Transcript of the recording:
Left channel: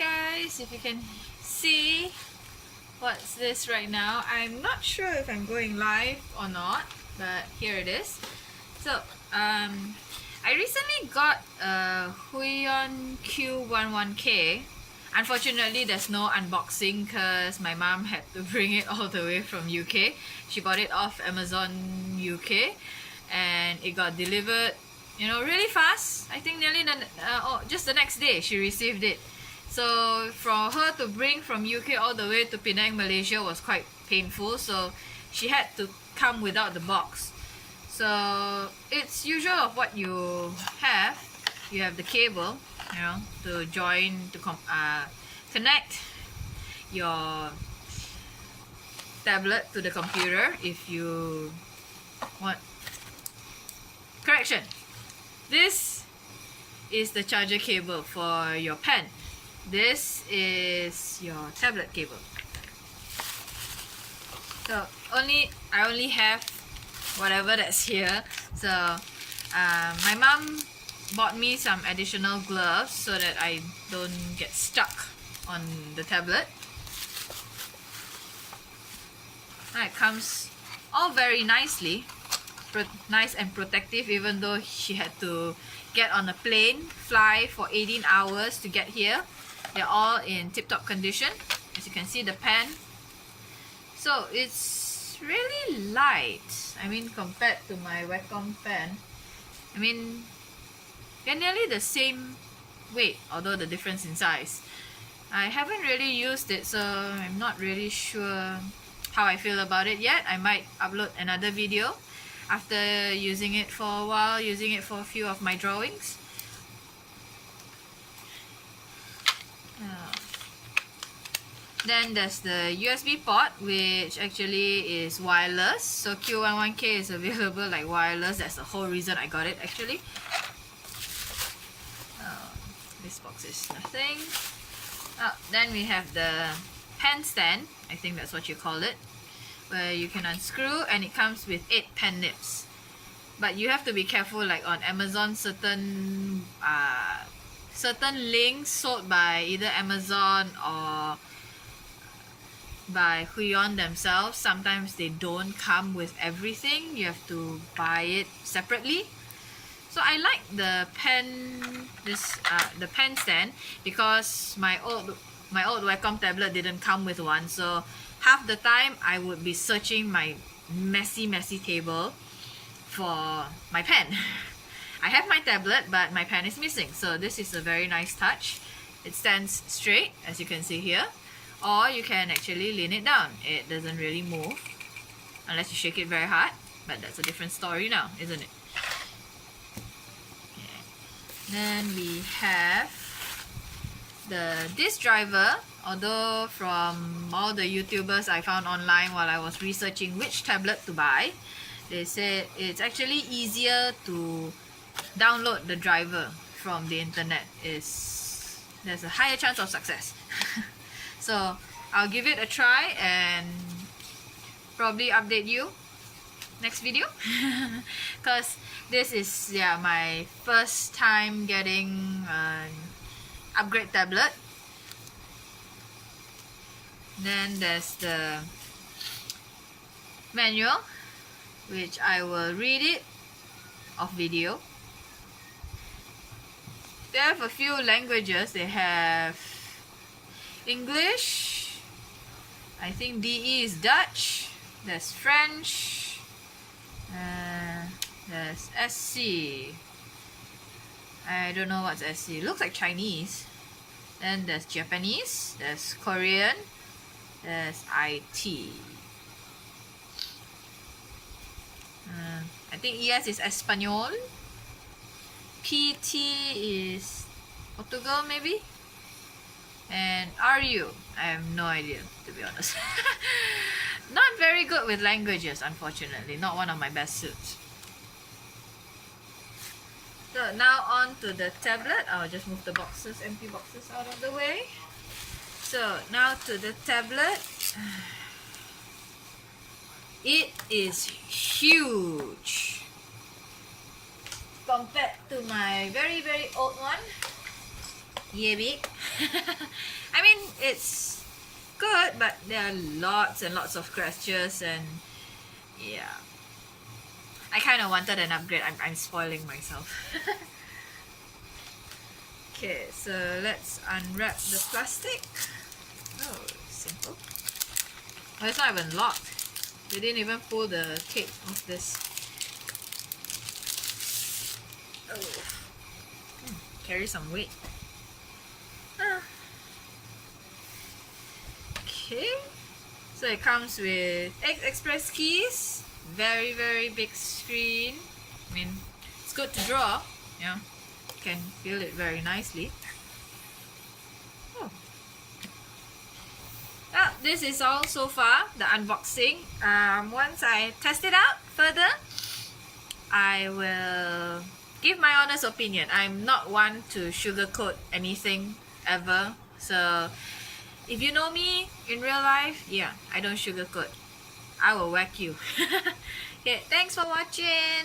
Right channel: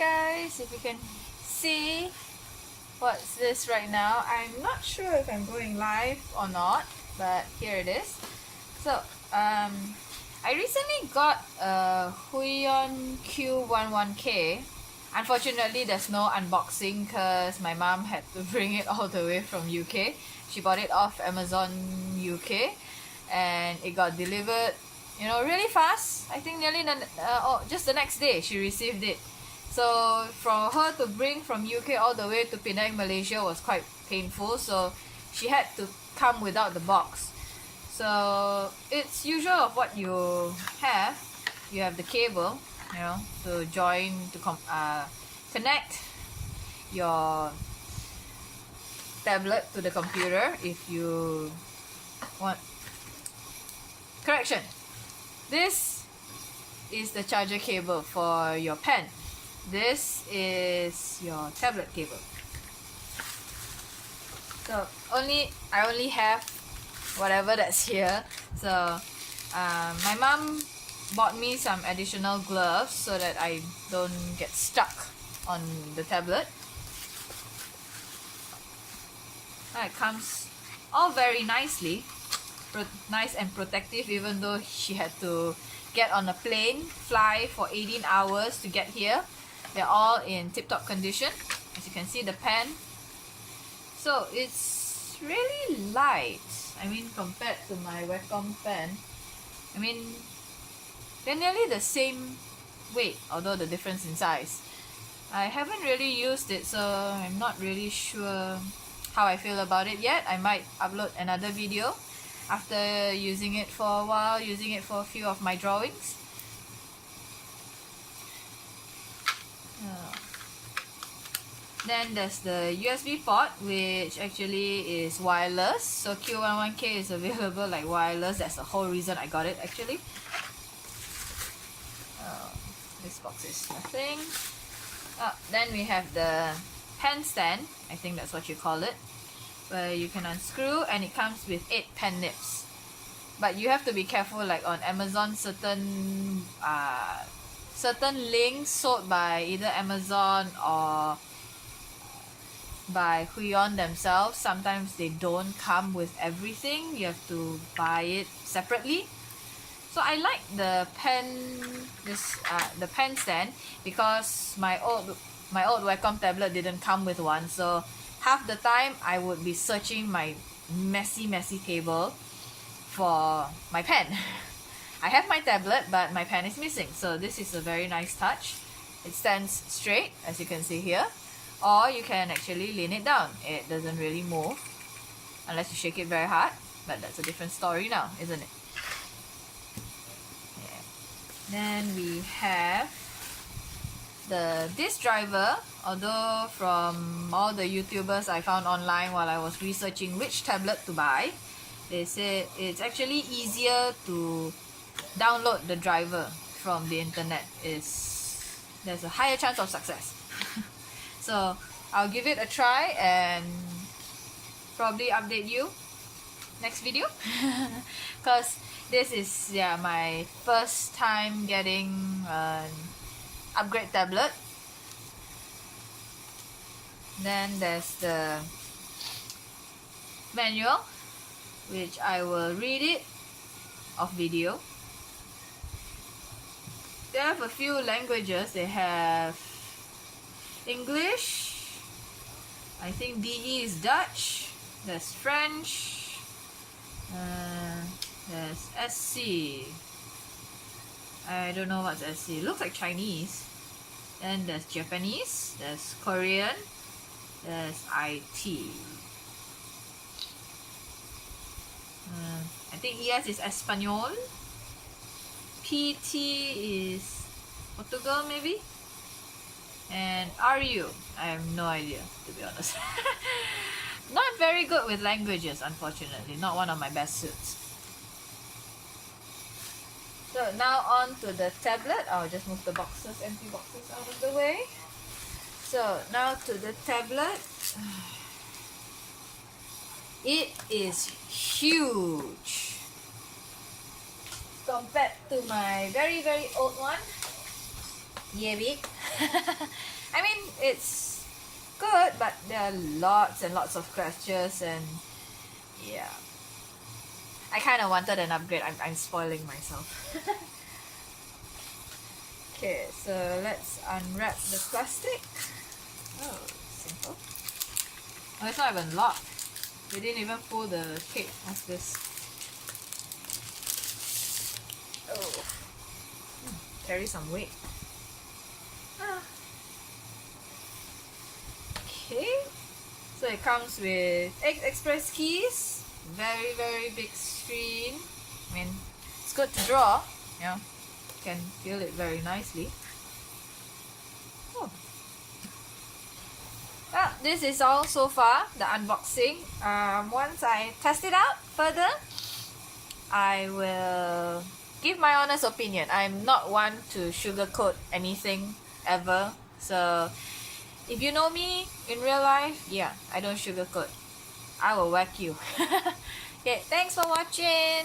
guys, if you can see what's this right now. I'm not sure if I'm going live or not, but here it is. So I recently got a Q11k. Unfortunately, there's no unboxing because my mom had to bring it all the way from UK. She bought it off Amazon UK and it got delivered, you know, really fast. I think nearly just the next day she received it. So for her to bring from UK all the way to Penang, Malaysia was quite painful. So she had to come without the box. So it's usual of what you have. You have the cable, you know, to join, to connect your tablet to the computer if you want. Correction, this is the charger cable for your pen. This is your tablet cable. So I only have whatever that's here. So my mom bought me some additional gloves so that I don't get stuck on the tablet. It comes all very nicely, nice and protective, even though she had to get on a plane, fly for 18 hours to get here. They're all in tip-top condition. As you can see, the pen. So it's really light. I mean, compared to my Wacom pen, I mean, they're nearly the same weight, although the difference in size. I haven't really used it, so I'm not really sure how I feel about it yet. I might upload another video after using it for a while, using it for a few of my drawings. Then there's the USB port, which actually is wireless. So Q11k is available like wireless. That's the whole reason I got it actually. This box is nothing. Then we have the pen stand, I think that's what you call it, where you can unscrew and it comes with 8 pen nibs. But you have to be careful, like on Amazon, certain links sold by either Amazon or by Huion themselves, sometimes they don't come with everything. You have to buy it separately. So I like the pen stand because my old Wacom tablet didn't come with one. So half the time I would be searching my messy table for my pen. I have my tablet, but my pen is missing. So this is a very nice touch. It stands straight, as you can see here, or you can actually lean it down. It doesn't really move unless you shake it very hard, but that's a different story now, isn't it? Yeah. Then we have the disk driver. Although from all the YouTubers I found online while I was researching which tablet to buy, they said it's actually easier to download the driver from the internet. There's a higher chance of success. So I'll give it a try and probably update you next video. Because this is my first time getting an upgrade tablet. Then there's the manual, which I will read it off video. They have a few languages. They have English, I think DE is Dutch, there's French, there's SC, I don't know what's SC, it looks like Chinese. Then there's Japanese, there's Korean, there's IT. I think ES is Espanol, PT is Portugal maybe, and RU, I have no idea, to be honest. Not very good with languages, unfortunately, not one of my best suits. So now on to the tablet. I'll just move the empty boxes out of the way. So now to the tablet. It is huge compared to my very old one. Yeah, big. I mean, it's good, but there are lots and lots of scratches, and yeah. I kind of wanted an upgrade. I'm spoiling myself. Okay, so let's unwrap the plastic. Oh, simple. Oh, it's not even locked. They didn't even pull the tape off this. Oh. Carry some weight. Okay. So it comes with express keys. Very, very big screen. I mean, it's good to draw. Yeah. Can feel it very nicely. Oh. Well, this is all so far, the unboxing. Once I test it out further, I will give my honest opinion. I'm not one to sugarcoat anything ever. So if you know me in real life, yeah, I don't sugarcoat. I will whack you. Okay, thanks for watching.